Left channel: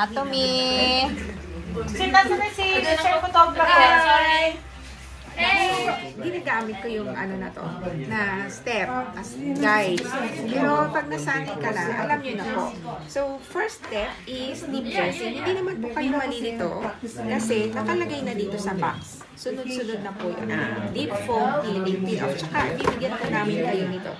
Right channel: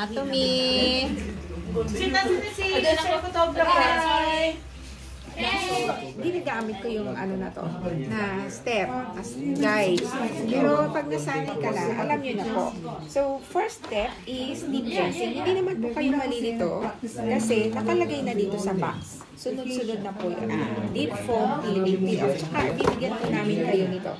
Atomy! Si Chef Photographer. Ginagamit ko yung ano na to, na step, guys. Pero pag nasanay ka na, alam nyo na po. So, first step is deep cleansing. Hindi naman po kayo malilito kasi nakalagay na dito sa box. Sunod-sunod na po yun. Deep foam cleaning, peel-off. Tsaka, bibigyan po namin kayo nito.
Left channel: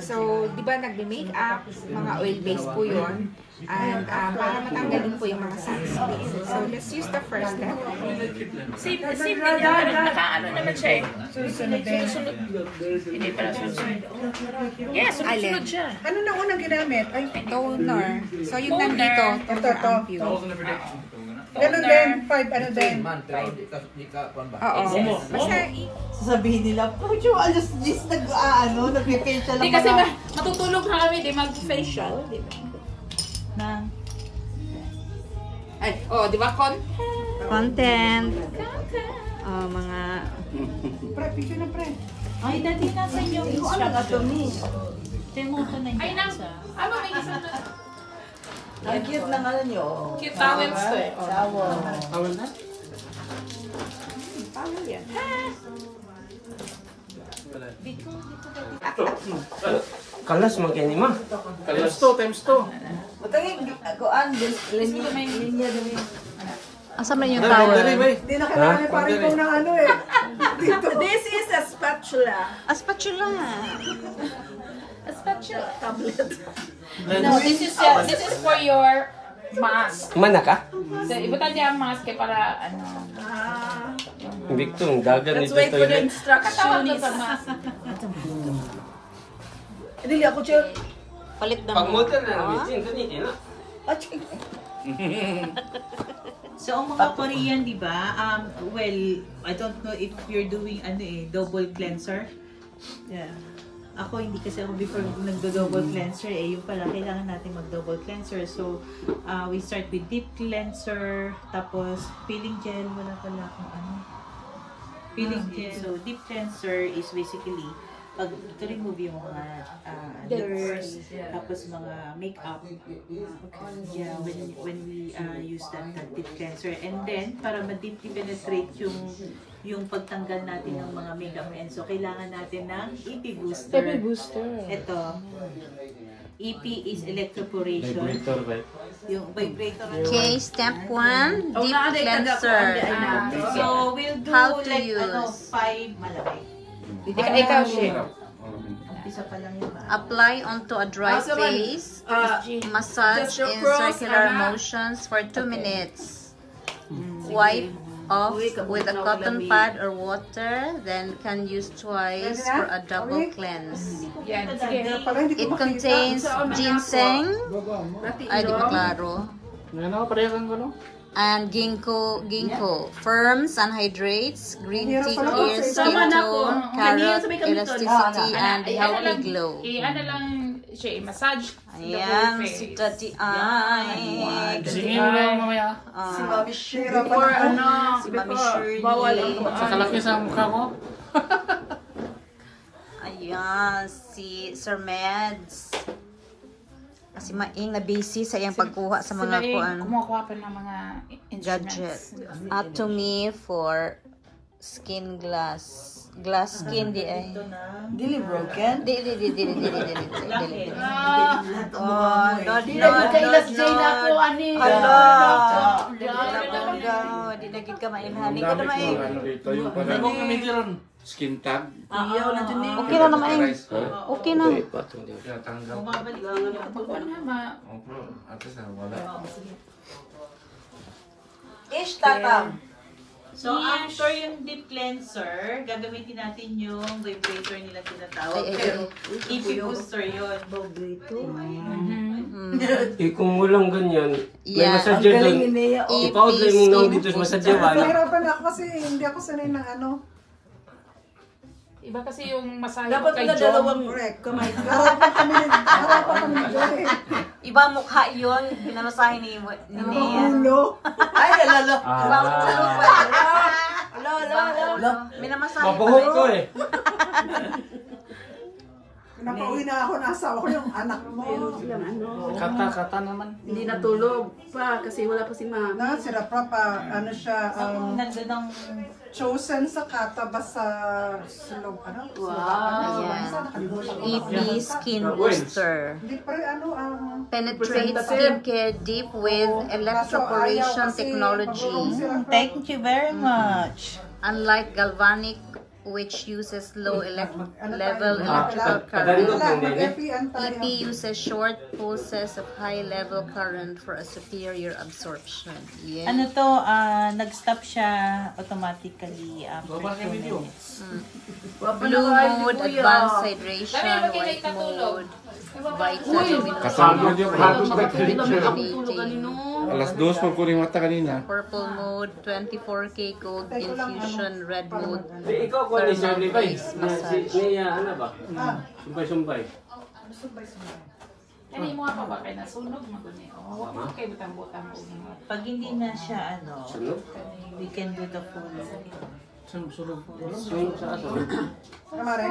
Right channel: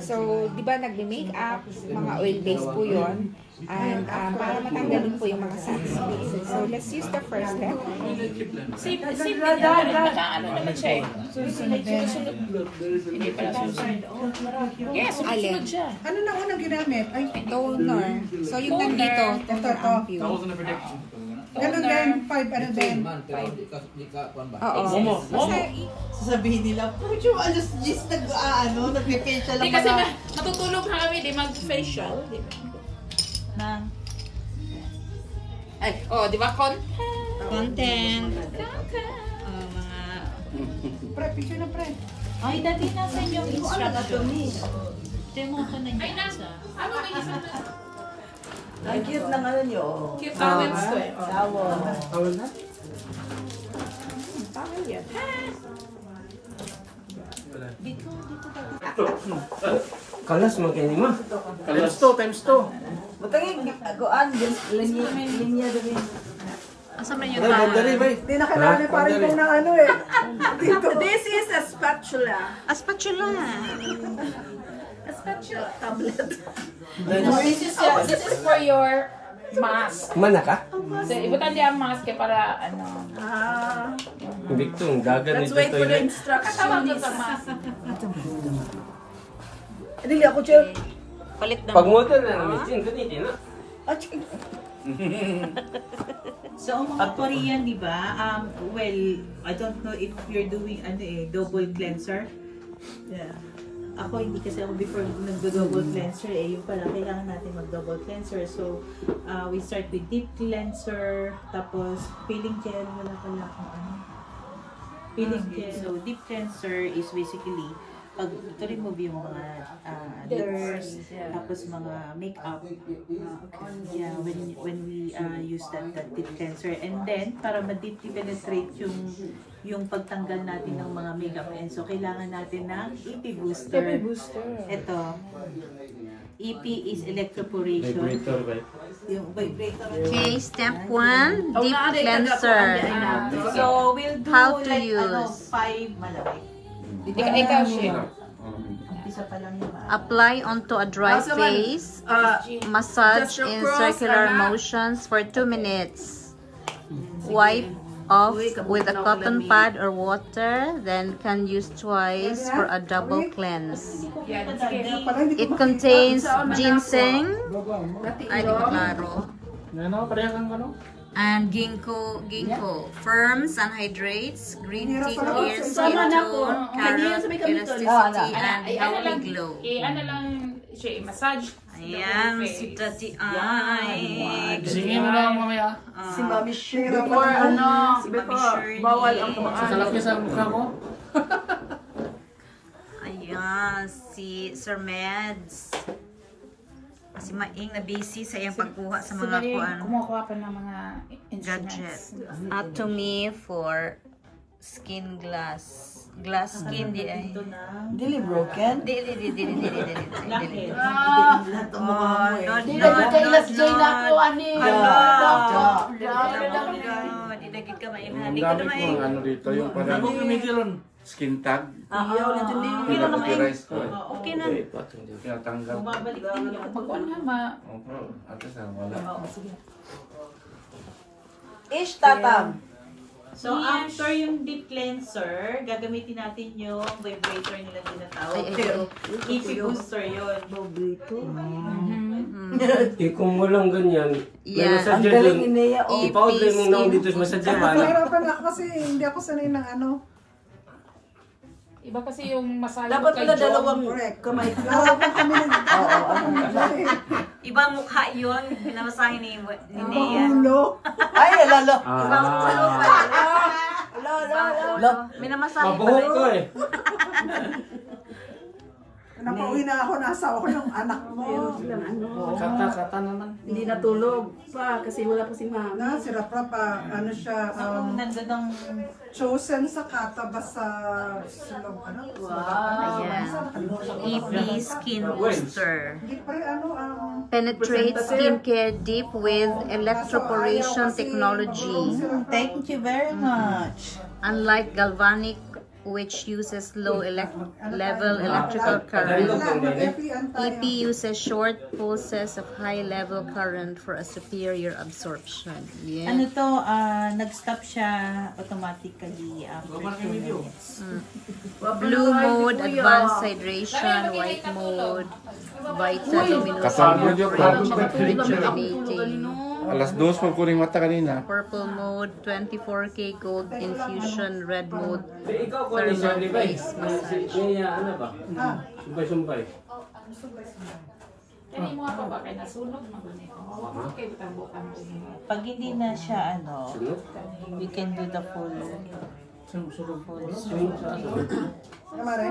So, di ba nagbe-makeup, mga oil-based po yun. And para matanggalin po yung mga sacks. So, let's use the first step. Safe niya. Ano naman siya eh. Susunod. Hindi pala susunod. Yes, susunod siya. Ano na unang ginamit? Ay, toner. So, yung nandito, toner ampule. Ganun din, 5 ano din. Oo. Basta, sasabihin nila, Pucho, alas 10 nag-facial lang. Hindi kasi matutulog na kami, di mag-facial. Di ba? Ay, oh, di ba? content. Mga... Pre, picture na pre. Ay, dati nasa yung instruction. Demoto na niya. Ay, ano may isa na? Ang cute na nga nyo. Cute towels to eh. Tawal na? Towel yan. Kalas man kayo ni ma. Kalas to, times to. Matangin, agoan, linya din. Asa man yung towel? Hindi na kailangan ni paring kong ng ano eh. This is a spatula. A spatula. A spatula. Tablet. No, this is for your mask. Mana ka? So, ibutan niya ang mask para ano. Victor, dagan Let's nito wait for the toilet. instructions. Dili ako, Chef. Palit na. Pag-motor na namin, kanina na. So, ang mga Korean, di ba? Well, I don't know if you're doing double cleanser. Yeah. Ako, hindi kasi ako before nagdo-double cleanser yung pala, kailangan natin mag-double cleanser. So, we start with deep cleanser, tapos peeling gel, wala pala akong peeling gel. So, deep cleanser is basically pag to-remove yung mga dirt, tapos mga makeup. Yeah, when we use that deep cleanser. And then, para ma-deeply penetrate yung pagtanggal natin ng mga makeup. And so, kailangan natin ng EP booster. EP booster. Ito. EP is electroporation. Vibrator, right? Yung vibrator. Okay, step 1, deep cleanser. So, we'll do How to like use? 5 malaki. Ikaw siya. Umpisa pa lang yung Apply onto a dry face. Massage in circular motions for 2 minutes. Wipe off with a cotton pad or water, then can use twice for a double cleanse. It contains ginseng, ay di ko klaro, and ginkgo, firms and hydrates, green tea clears skin tone, carrot elasticity, and healthy glow. Ano lang siya, massage. Ayan, si Tati ay. Gisingin mo lang mamaya. Si Mami Shira pa Or naman. ano, Si Mami Shirley. bawal ang Sa kalaki sa mukha mo. Ayan, si Sir Meds. Kasi maing na busy sa iyang pagkuha sa mga kuan. Kumukuha pa ng mga Gadget. instruments. Atomy for skin glass. Glass skin di ay. Dili broken? Di. Oh, no. Kailas Jay na ako, ani. Hala. Di na gid ka mainhan. Di ka na main. Ano dito yung parang skin tag. Iyaw na dun eh. Okay na naman. Okay na. Tanggal. Ish tatang. So, after yung deep cleanser, gagamitin natin yung vibrator nila tinatawag. Pero, EP booster yun. Kung walang ganyan, may Yeah. massadger Ang dun. galing ni Nea. Ipa-order mo lang dito sa massadgeran. Nahirapan ako kasi hindi ako sanay ng ano. Iba kasi yung massage Dapat kay pala John. dalawang kamay. Harapan kami dyan eh. Iba mukha yun. Pinamasahin ni Ibang Nea. ulo. Ay, alala. Ibang ulo pa. Ibang ulo. Minamasahin pa Mabuhok ko eh. Napauwi na ako, nasa ako yung anak mo. Meron silang ano. Kata naman. Hindi natulog pa kasi wala pa si mami. Na, si Rapra pa, ano siya, Nandun ang... chosen sa kata ba sa sulong, ano? Ayan. EP Skin Booster. Hindi pre, ano, Penetrate skincare deep with electroporation technology. Thank you very much. Unlike galvanic, which uses low level electrical current, EP uses short pulses of high level current for a superior absorption. Yeah. Ano to, nag-stop siya automatically after 2 minutes. Blue mode, advanced hydration, white mode, vital rejuvenating. Alas 2 pag kuning mata kanina. Purple mode, 24K gold infusion, red mode, thermal face massage. Ano ba? Sumpay-sumpay. Kani mo nga pa ba kay nasunog mo guni. Wa kay butang-butang ko. Pag hindi na siya, ano, we can do the full. Sunog. Kamare?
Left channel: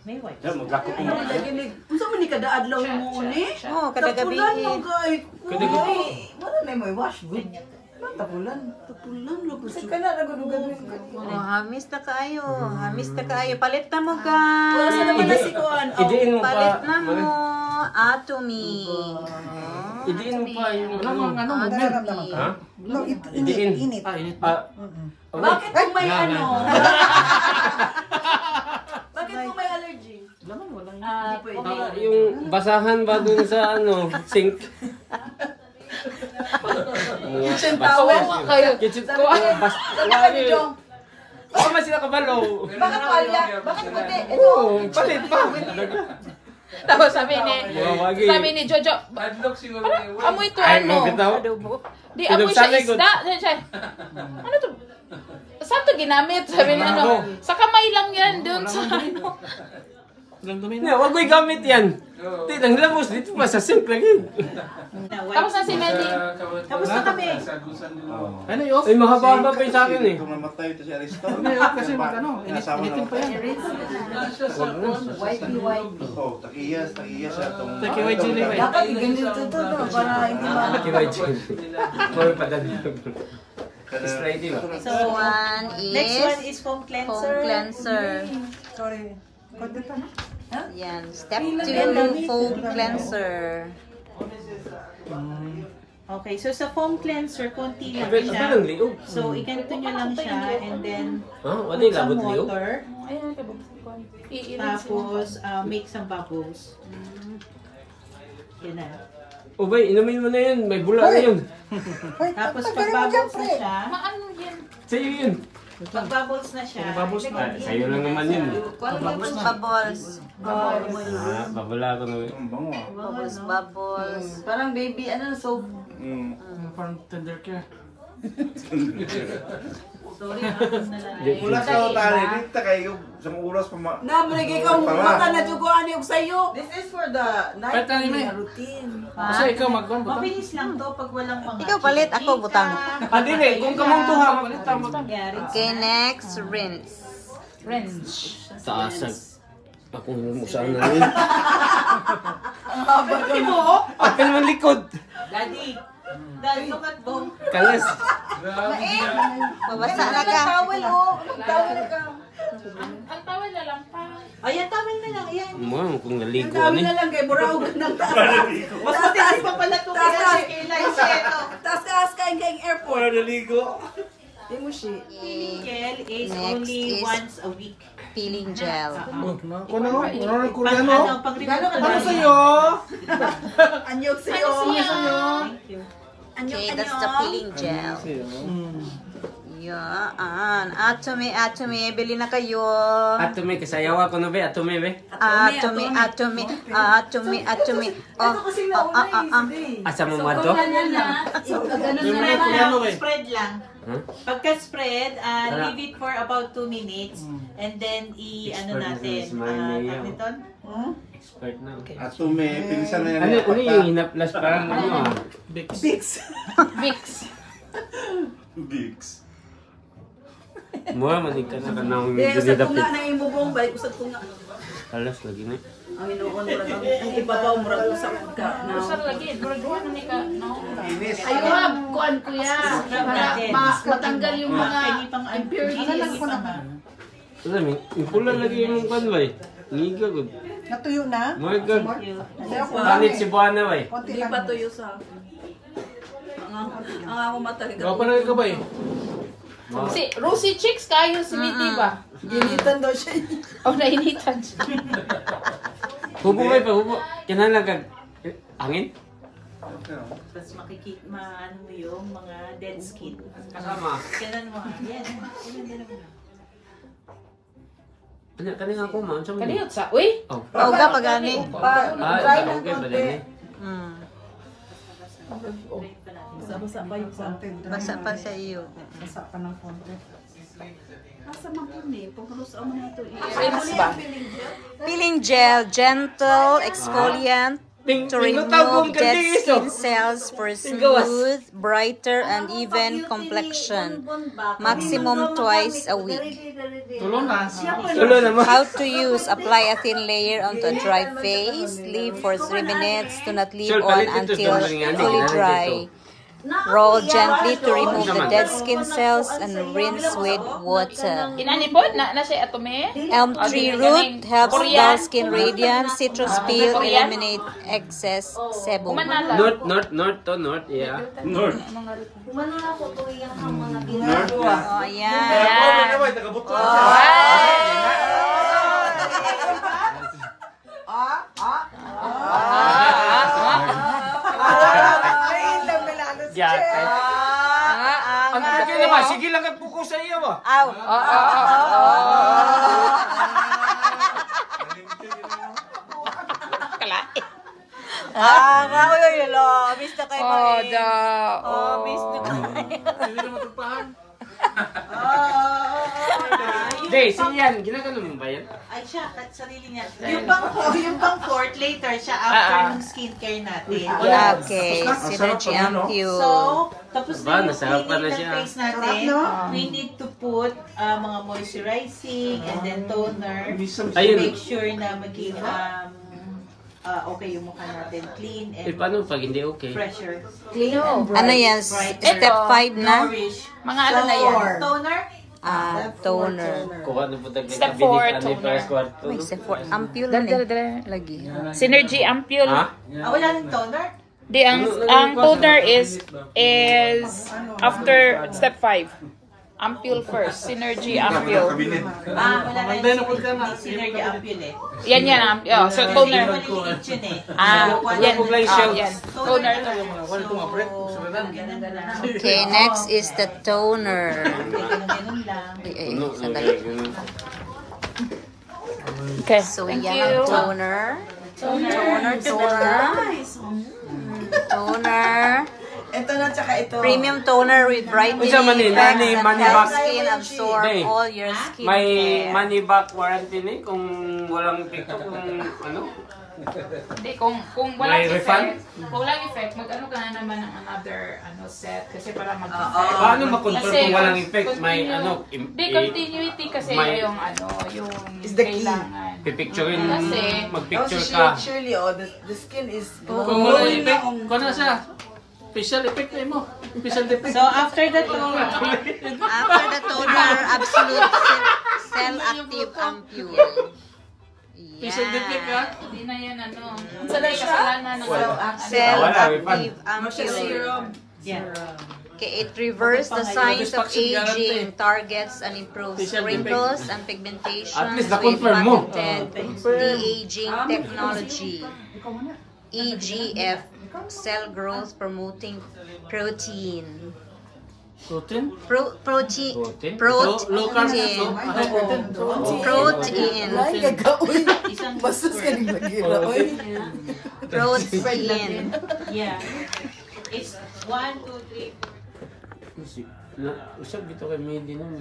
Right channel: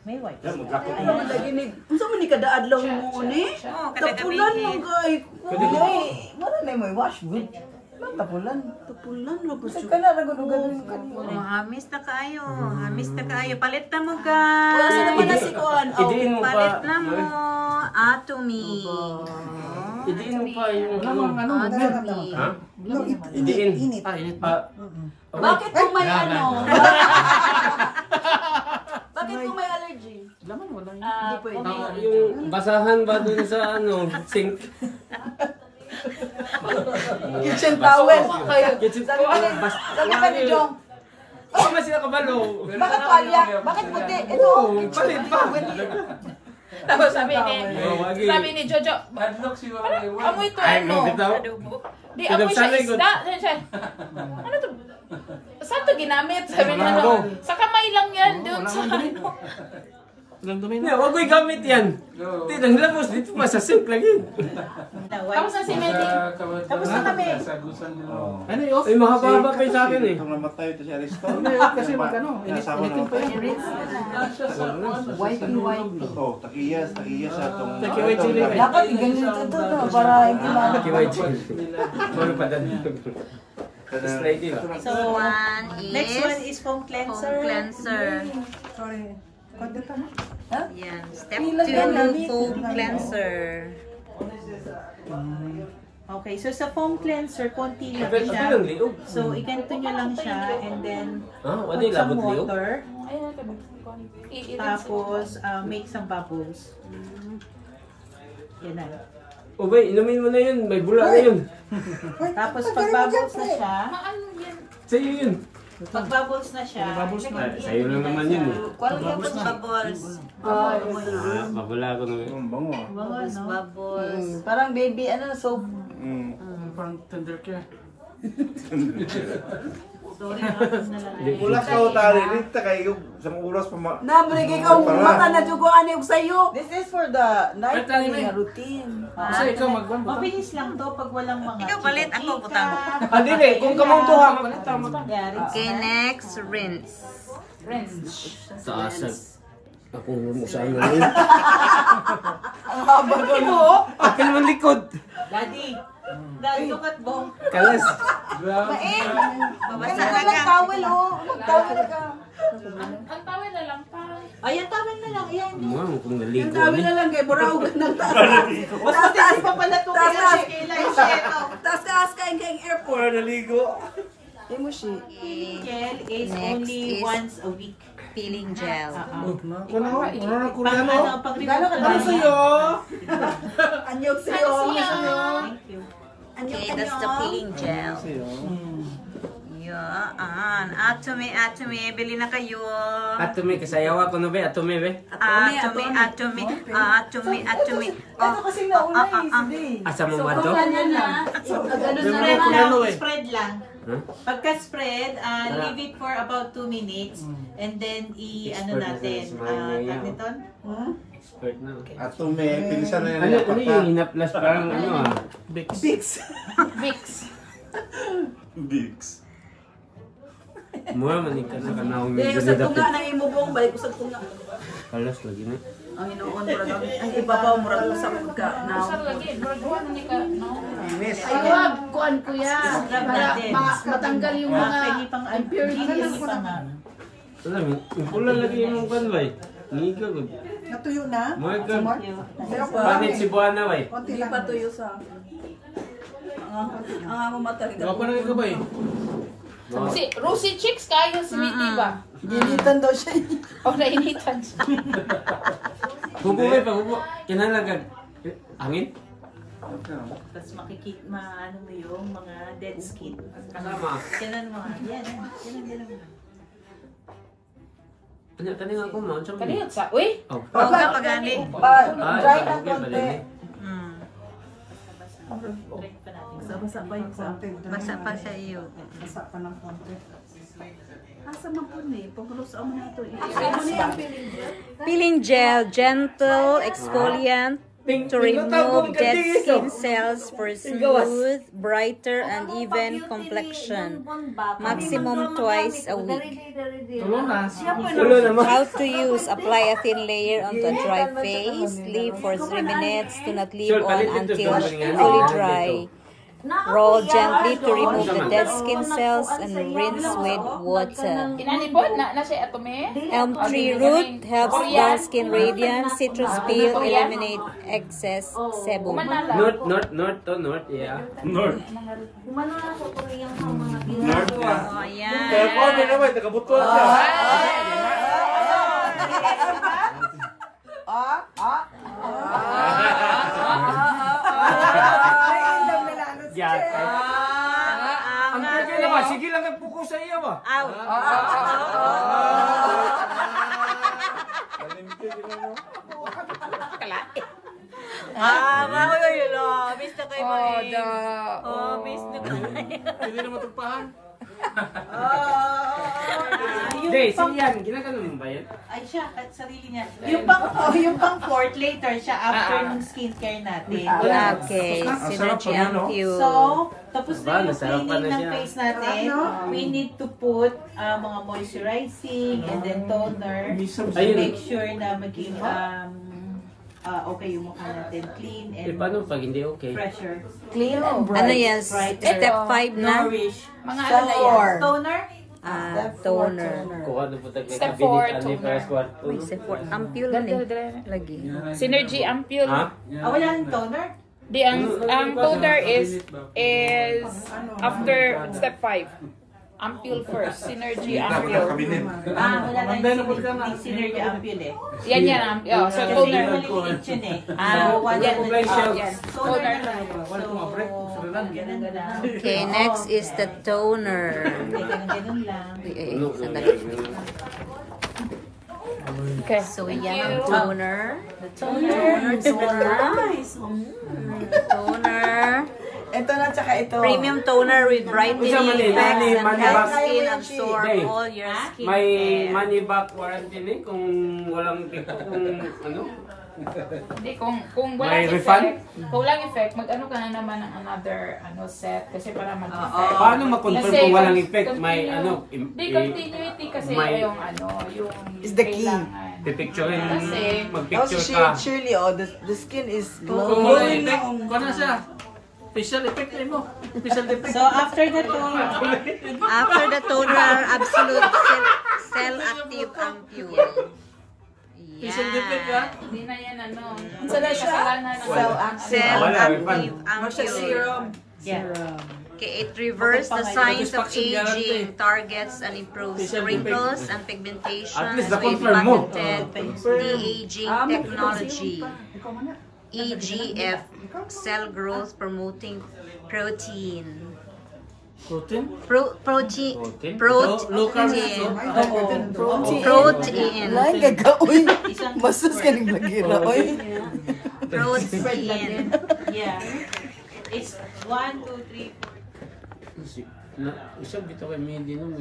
May white. Yan, maglako. Ayan. Unsa man ni kada adlaw mo ni? Oh, kada gabi. Wala na mo wash good. Tapulan ra po siya. Kaya na gunugan. Oh, hamis na kayo. Hamis na kayo. Palit na mo, Wala sa naman na guys. si Kuan. Idiin mo Palit pa. na mo. Atomy. Idiin mo pa yung... Wala mang ano. Atomy. No, Idiin. init. Init pa. Bakit kung may ano? Bakit kung may allergy? Laman, wala yun. Tama, Yung basahan ba dun sa sink? Kitchen towel kayo. Kitchen towel. Wala yun. Ako man sila kabalo. Bakit palya? Bakit puti? Oo, palit pa. Tapos sabi ni Jojo, amoy ko Ay, ano? bitaw. Di amoy siya Pinagsanay ko. isda. Siya, ano to? Saan to ginamit? Sabi niya, sa kamay lang yan, dude. Yeah, wag mo gamit yan. Tinang labos dito pa sa sink lagi. Tapos na si Melly. Tapos na kami. Ano yun? Ay, mahaba pa sa akin eh. Kung namatay ito si Aristo. Ano yun? Kasi initin pa yan. Whitey. Oh, takiyas sa itong... Takiway chili. Dapat ganito to para hindi ma. Takiway chili. More pa dali. Straight in. So, Next next one one is foam cleanser. foam cleanser. Sorry. Konti pa na. Yan. Step 2, foam cleanser. Okay, so sa foam cleanser, konti lang siya. So, ikanto nyo lang siya and then put some water. Tapos, make some bubbles. Yan na. Okay, inumin mo na yun. May bula na yun. Tapos, pag bubbles na siya, Ano yan? Sa'yo yun. pag bubbles na siya, Sa'yo lang naman yun eh. Bubbles. Babala ko naman. Ang bango ah. Bubbles. Parang baby ano soap. Parang tender care. sorry, na lang. Ulas ka o tali, rita kayo sa oras pa ma... Nabreg ikaw mata na jugo ani og sayo. This is for the night routine. Kasi ikaw magwan ba? Mabilis lang to pag walang mga Ikaw palit, ako butang. Ah, dili. Kung kamong tuha, mabalita mo. Okay, next, rinse. Taasag. Ako mo saan na rin. Ang haba ko. Apil man likod. Daddy, look at Bong. Kalas. Babasa na ka. Towel oh. Towel ka. Ang tawad na lang pa. Ayan, tama na lang. Ayan. Mo, kung naligo Sabi ni. na lang kay buraw ng taas. Mas matigas pa pala ito kaya si Kayla. Taas kay airport. Para naligo. Di mo siya. Kel is Next only is- once a week. Peeling gel. Kuno, ano Pag ano, pag remove Ano sa'yo? Anyog sa'yo. Thank you. Okay, that's the peeling gel. Yan. Atomy, bili na kayo. Atumi, kasayawa ko na ba? Atumi, be? Atomy. Asa mo man to? Spread lang. Pagka-spread, leave it for about 2 minutes and then ano natin, tag nito? Expert na. Ato may pinsan na yan. Ano yung hinaplas parang ano ah? Vicks. Bigs. Mura manig ka sa kanang Hindi, medyo usap ko nidapit. nga na imubong, balik usap ko nga. Kalas lagi na. Ang inuon, murag ang ibabaw, murag usap ka na. Ayun, kuan kuya. Para matanggal yung mga impurities. Alam mo, pula lagi yung kan ba eh. Ngiga ko. Natuyo na? Mga ka. Kanit si Buana ba eh. Konti Hindi lang. pa tuyo sa... Ang ako mata. Gapa na ka ba eh? Si Rusi Chicks kayo si Niti ba? Ginitan daw siya. O nainitan. Hubo ba pa, hubo. Kinala ka. Angin? Tapos maano mo yung mga dead skin. Kasama. Kailan mo? Yan. Kailan mo? Kanina ako ma. Kaniyot sa, uy. Oh. Pauga pa gani. Dry na okay, konti. bali. Basa-basa pa yung konti. Basa pa sa iyo. Basa pa ng konti. Asa man po ni? Pagkalos mo na ito. Peeling gel, gentle exfoliant to remove dead skin cells for smooth, brighter, and even complexion. Maximum twice a week. Tulo naman. How to use: apply a thin layer onto a dry face. Leave for 3 minutes. Do not leave on until fully dry. Roll gently to remove the dead skin cells and rinse with water. Inanipod na siya atome. Elm tree root helps dull skin radiance. Citrus peel eliminate excess sebum. North, yeah. North. Oh, ayan. Kaya ba, sige lang nagpuko sa iyo ba? Aw. Uy, miss na kayo miss na kayo. Hindi na matagpahan. Hindi, siyan. Ginagano mo ba yan? Ay siya, sarili niya. Yung pang fourth later siya after ng skincare natin. Okay, Synergy Ampule. So, tapos na yung Nasarapan cleaning na ng siya. face natin, we need to put mga moisturizing and then toner to Ayun. make sure na maging okay yung mukha natin, clean Eh, and paano pag hindi okay? fresher. Clean and bright. Ano yan? Brighter. Step 5 na? Nourish. Mga ano na yan? Toner? Toner. Kung ano po tayo Step kabinet, four, ano yung toner. first kwarto. May step 4. Ampule man lagi. Synergy Ampule. Ha? Wala nang toner? Di ang toner is after step 5. Ampule first, Synergy Ampule. Wala na yung synergy ampule eh. Yan. So Kasi toner. maliliit yun eh. Yan. Toner Toner. lang. Okay, next is the toner. Ganun lang. Sandali. Okay. So, yan ang toner. Toner. Ito na, tsaka ito. Premium toner with brightening Manila, effects that Manila. help skin absorb Hey, all your skin May care. money back warranty ni kung walang pick-up, kung ano? Hindi, kung May walang refund? kung walang effect, mag-ano ka na naman ng another set kasi para mag-effect. Paano makontrol Kasi kung walang effect? May continue- ano? Hindi, continuity kasi may- yung Is the key. kailangan. Pipicture Kasi- mag-picture ka. Surely, the skin is Kung walang effect, kung ano siya? Special effect na mo. Special effect. So after the toner, After the toner, absolute cell active ampule. Yan. Hindi na yan ano. Sana siya? Cell Wala, active ampule. yeah. Okay, it reverses the signs of aging, targets and improves wrinkles and pigmentations with na-confirm mo. patented de-aging technology. EGF, cell growth promoting protein. Protein? Protein. Lain gagawin. Bastos ka rin mag-iroy. Protein. Yeah. It's 1, 2, 3. Usap dito kay Medi nung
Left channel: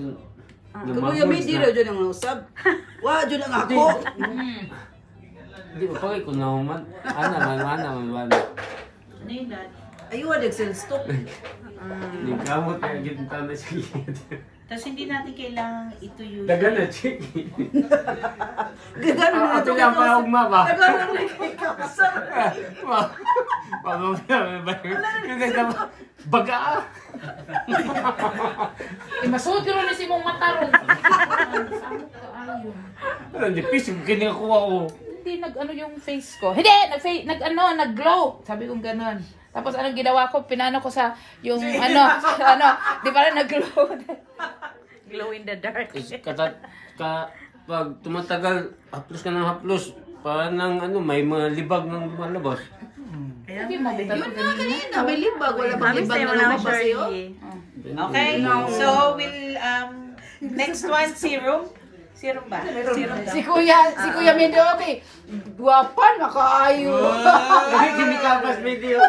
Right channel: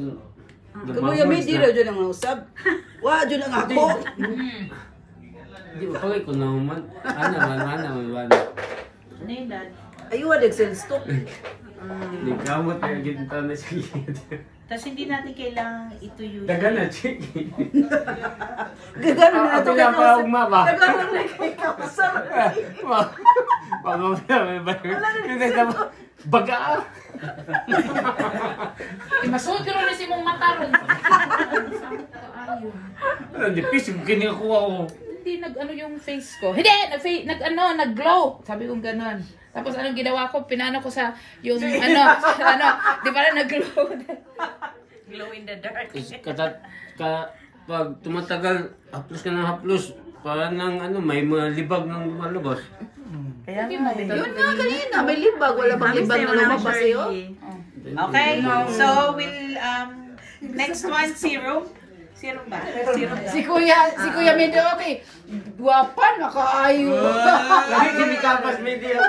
Kamuya may dira dyan ang usab. Wa dyan ang ako. Di ba kaya kung naman? Ano man. Ano yun, Dad? Ayun, nag-send stock. Hindi kamot yung ginta na siya. Tapos hindi natin kailangang ituyo. Dagan na, Chiki. Gagano na ito. Ang pa ugma ba? Gagano na ikaw. Baga. Masuot yun rin si mong mata ron. Ano, nipis yung kinikuha ko. Hindi nag-ano yung face ko. Hindi! Nag-glow. Sabi kong ganun. Tapos anong ginawa ko? Pinano ko sa yung di ba na nag-glow? Glow in the dark. Pag tumatagal, haplos ka ng haplos, parang may mga libag ng lumalabas. Yun nga kanina, may libag. Wala bang libag na lumabas sa'yo? Okay, so we'll, next one, serum. Serum ba? Si Kuya Medio, okay. Guwapan, makaayo. Kinikapas video.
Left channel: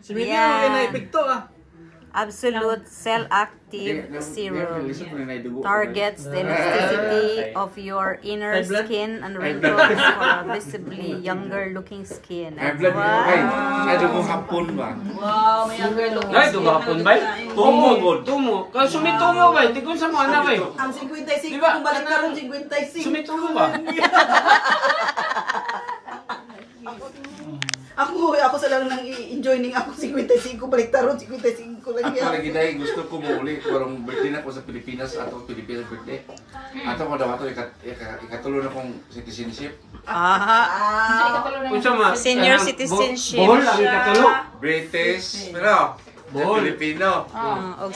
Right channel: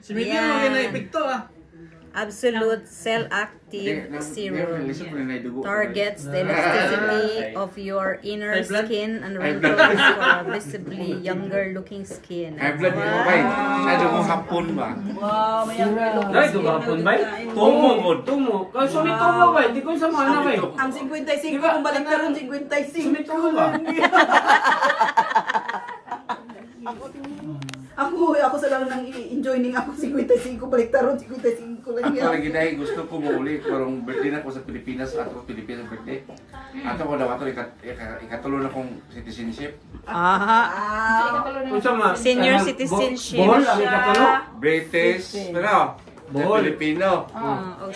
Si Midi mo na epekto Absolute cell-active serum targets the elasticity of your inner skin and wrinkles for a visibly younger-looking skin. Ay, blood mo kay. Ay, doon mo hapon ba? Wow, may younger look. Ay, doon hapon ba? Tumo. Kasi sumitumo ba? Hindi ko sa mga na ba? Ang 55, kung balik ka rin 55. Sumitumo ba? Ako sa lang nang i-enjoy ning ako 55 balik taron 55 lang Ako yan. lagi dahil gusto ko muli parang birthday na ko sa Pilipinas ato Pilipinas birthday. Ato ko daw ato ikatulo na kong citizenship. Senior citizenship. Bohol ang ikatalo. British, pero Filipino.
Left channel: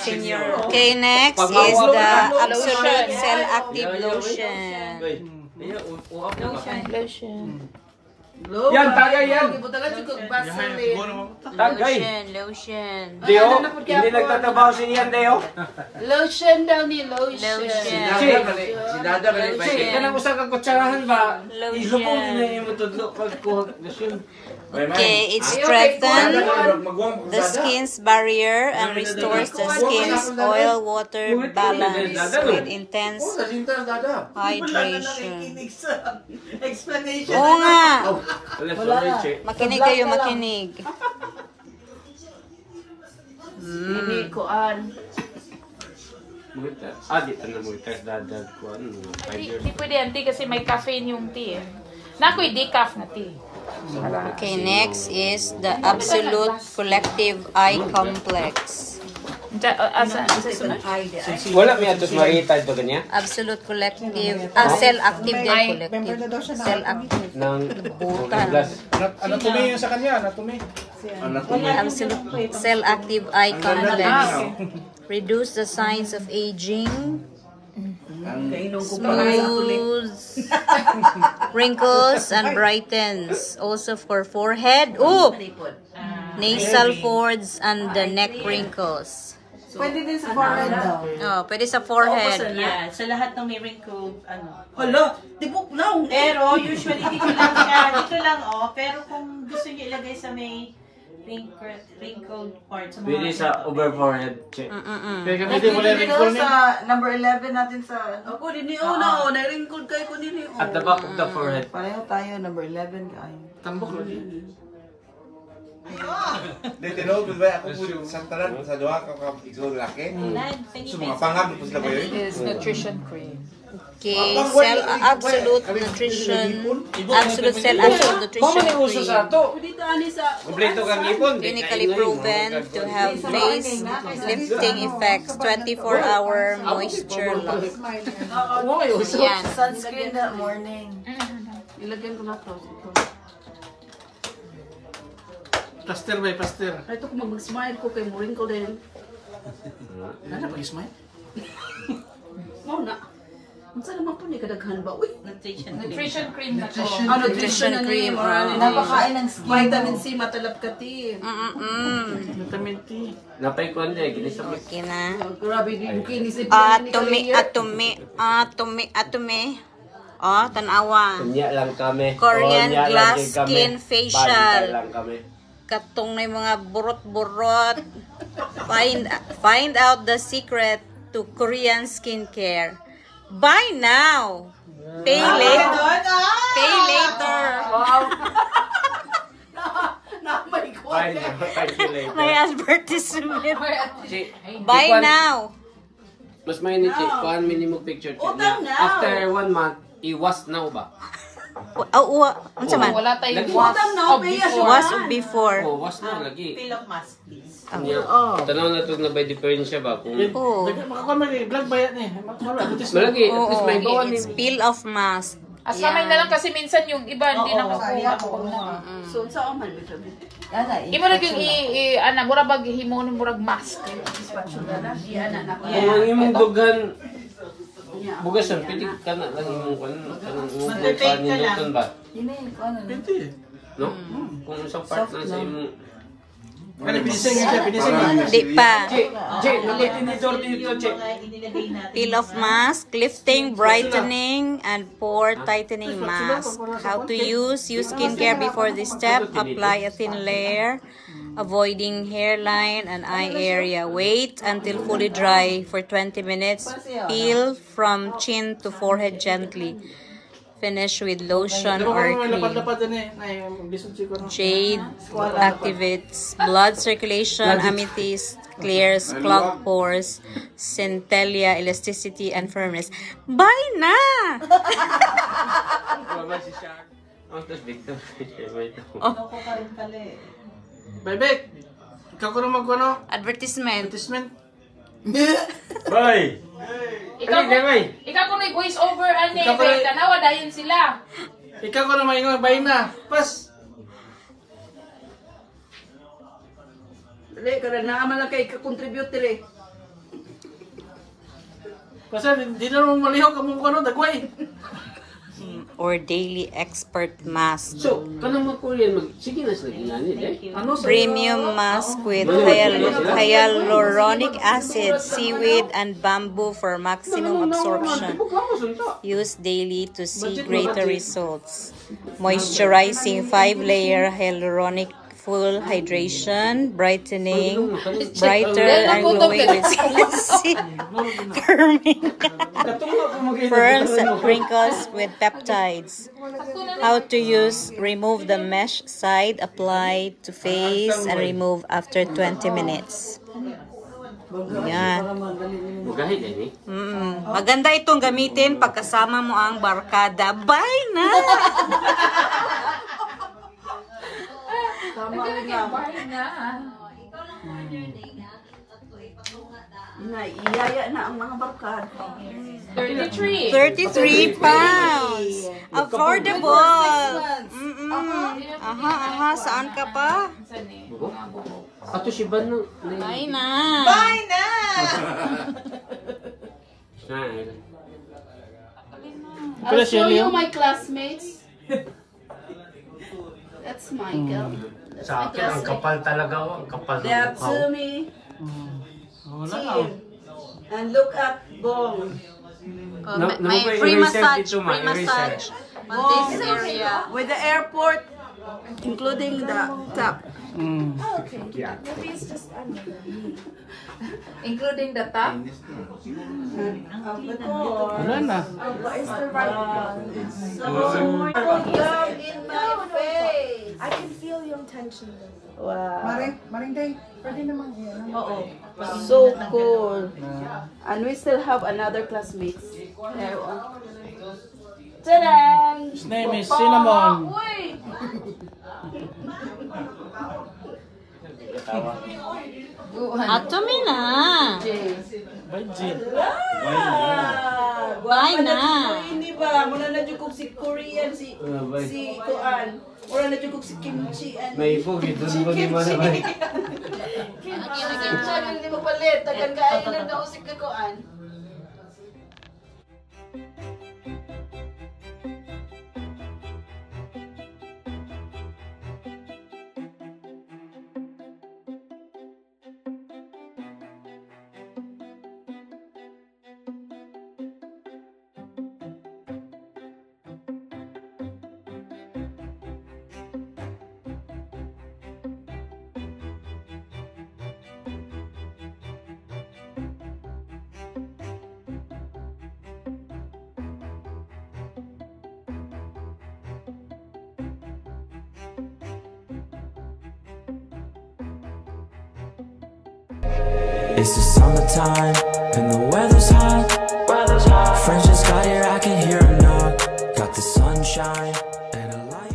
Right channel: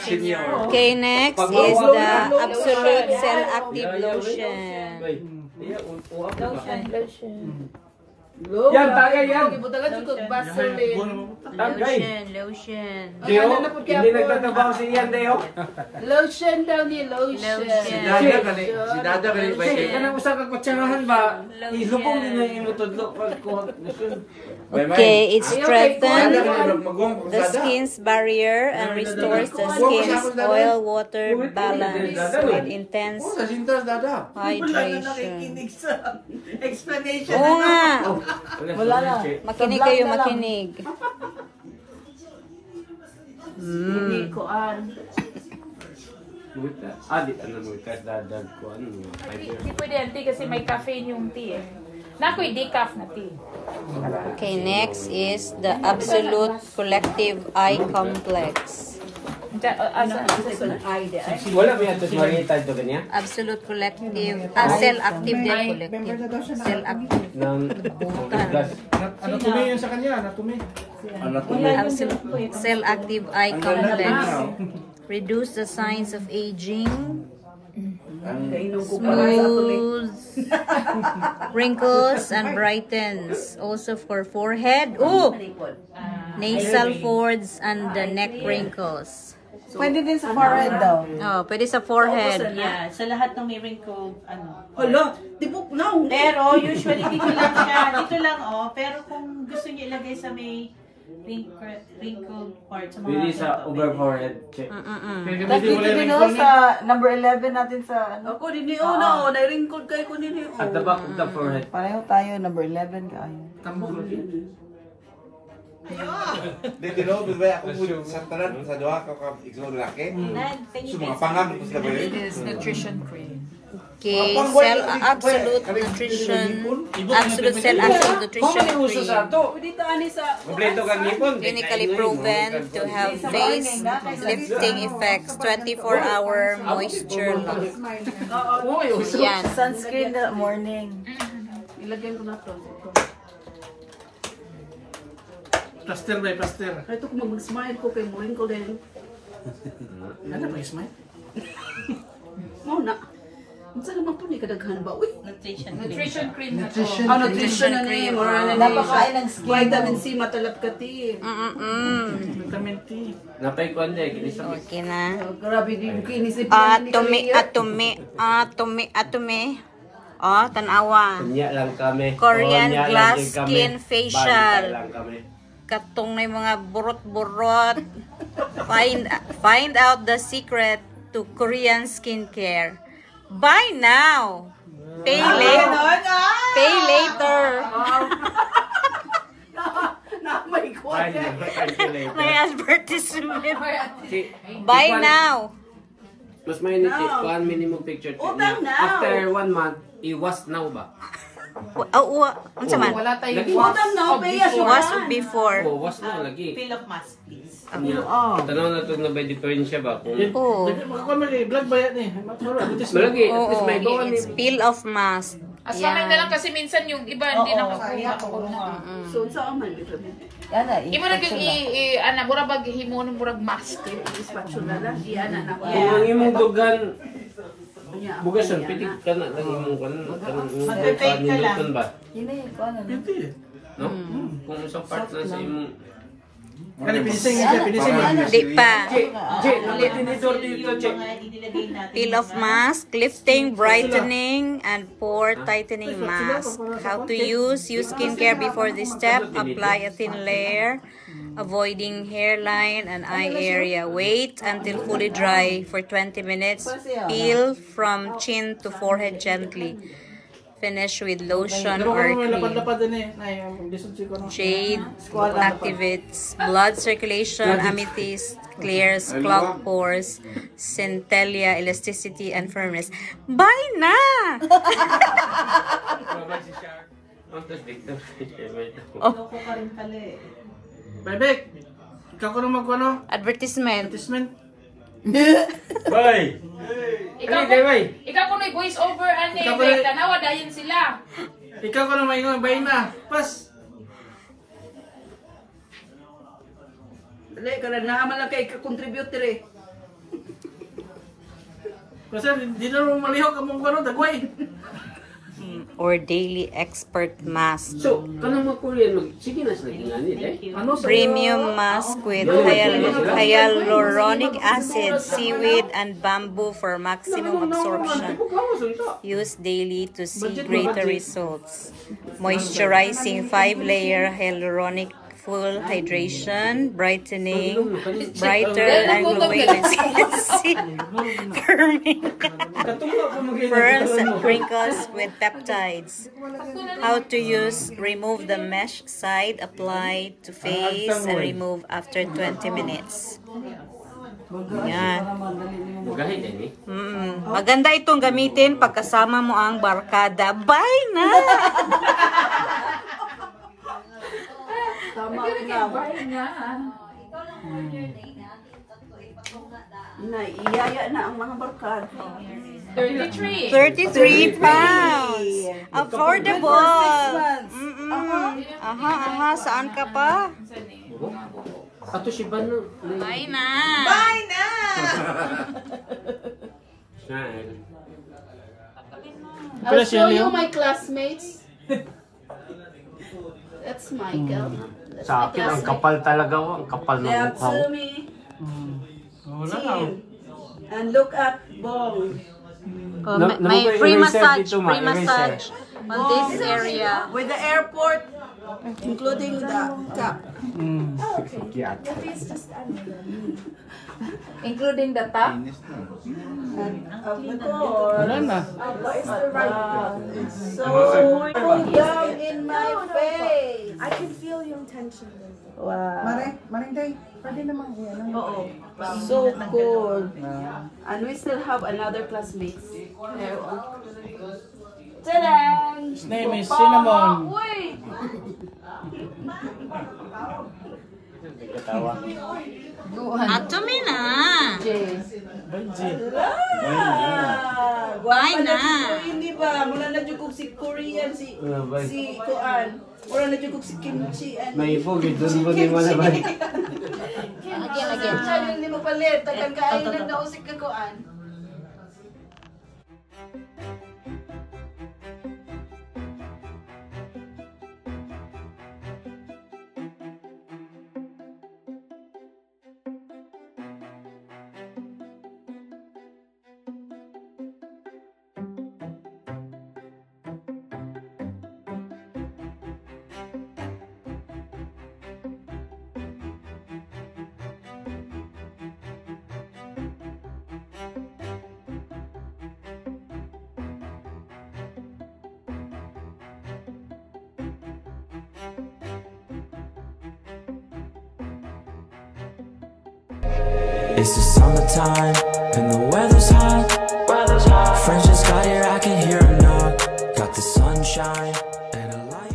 Senior. Okay, next is the Absolute Cell-Active Lotion. Yan, tayo yan. Ibutagan ko Vaseline. Lotion. Deo, hindi nagtatabaw si Ian, Deo. Lotion daw ni lotion. Si Dada ba Sige, kanang usa ka kutsarahan ba? Ilubong din na yung matudlo pag kuhagasyon. Okay, it strengthens the skin's barrier and restores the skin's oil-water balance with intense hydration. Explanation. Oo nga! Makinig kayo, makinig. Hindi ko an. Di mulitas dadag ko. Hindi pwede yan, tea, kasi may caffeine yung tea eh. Nako'y decaf na tea. Okay, next is the Absolute Collective Eye Complex. Wala may atos makita ito kanya? Absolute Collective, Cell-Active din, collective. Cell-active. Butan. Anatomy yung sa kanya, anatomy. Absolute Cell-Active Eye Complex. Reduce the signs of aging. Smooths wrinkles and brightens. Also for forehead. Nasal folds and the neck wrinkles. Pwede din sa forehead daw. Oh, pwede sa forehead. Yeah, sa lahat ng may wrinkle, Hala, tibok na. Pero usually dito lang siya, pero kung gusto niyo ilagay sa may wrinkled part sa mga Pwede sa over forehead. Kaya gamitin mo yung wrinkle niya. Sa number 11 natin sa ano. Ako din na na-wrinkled kayo ko nila. At the back of the forehead. Pareho tayo, number 11 kayo. Tambok. Dito no, ba ako sa tanan sa duha ka igsoon laki. So mga pangam ko sila ba yun? It is nutrition cream. Okay, Absolute Cell-Active Nutrition Cream. Dito ani sa Kompleto kang ipon. Clinically proven to have face lifting effects, 24-hour moisture loss. Yan. sunscreen that morning. Ilagay ko na to. Plaster ba, plaster. Ito kung mag-smile ko kay wrinkle din. Ano ba smile? No na. Unsa naman po ni kadaghan ba? Uy, nutrition cream na to. nutrition cream. Napakain ng vitamin C matalap ka ti. Vitamin T. Napay ko niya, ginisa. Okay na. Grabe din kinis ni Atome. Oh, tanawa. Kanya lang kami. Korean Kanya glass lang kami. skin facial. Balik lang kami. Katong may mga burot-burot. Find out the secret to Korean skincare. Buy now. Pay later. Pay later. May advertisement. Buy now. Mas may kuan minimum picture check Utang niya. now. After 1 month, i-was now ba? Unsa man? Wala tayong Lagi. was Utang na, of pay as before. Was before. Oh, was now lagi. Fill of mask, please. Yeah. Tanaw na to na by difference ba kung Oh. Makakuha man vlog ba yan eh. malagi at least may Oo. kuan It's peel off mask. Asamin na lang kasi minsan yung iba hindi nakakuha. So, sa man bitaw. Imo lagi ana mura bag himon murag mask. Spatula na. Iya na na. kung ang imong dugan bugasan pwede ka na lang imong kanang nilutan ba? No? Kung sa part na sa imong Pinising siya, pinising. Di pa. tinidor dito, check. Peel off mask, lifting, brightening, and pore tightening mask. How to use skincare before this step. Apply a thin layer, avoiding hairline and eye area. Wait until fully dry for 20 minutes. Peel from chin to forehead gently. Finish with lotion or cream. Jade activates blood circulation, amethyst clears clogged pores, centellia elasticity and firmness. Bye na! Oh, Bebek, ikaw ko naman ano? advertisement. Advertisement. Bye! Ikaw ko may voice over ani kay tanawa dayon sila. Ikaw ko naman yung bayin na. Pas. Dali, karang naaman lang kay contribute dire. Kasi di na naman malihok ang mga ano, dagway. Or daily expert mask. So, kanang mga Korean, sige na sila ginanit eh. Ano sa Premium mask with hyaluronic acid, seaweed, and bamboo for maximum absorption. Use daily to see greater results. Moisturizing 5-layer hyaluronic full hydration, brightening, brighter and glowing with firms and wrinkles with peptides. How to use: remove the mesh side, apply to face, and remove after 20 minutes. Yan. Magahit eh. Maganda itong gamitin pagkasama mo ang barkada. Bye na! Iyaya na ang mga barkada. 33 pounds. Affordable. Aha, saan ka pa? Ato si Ban na. Bye na. Bye na! I'll show you my classmates. That's Michael. Sa akin, ang kapal talaga ko. Ang kapal ng That's mukha. me. Wala na. And look at Bong. May free massage on this area. With the airport, including the top. Including the top. Wala na. So young in my face. I can feel yung tension. Wow. Maring day, pwede naman yan. So cool. And we still have another classmate. His name is Cinnamon. Ato mi na. Bye na. Hindi ba? Muna na jugog si Korean, si Kuan. Muna na jugog si Kimchi. May bugid, doon mo din man naman. Kimchi, hindi mo palit. Tagan kain na daw si Kuan. It's the summertime And the weather's hot. Friends just got here, I can hear them knock. Got the sunshine and a light.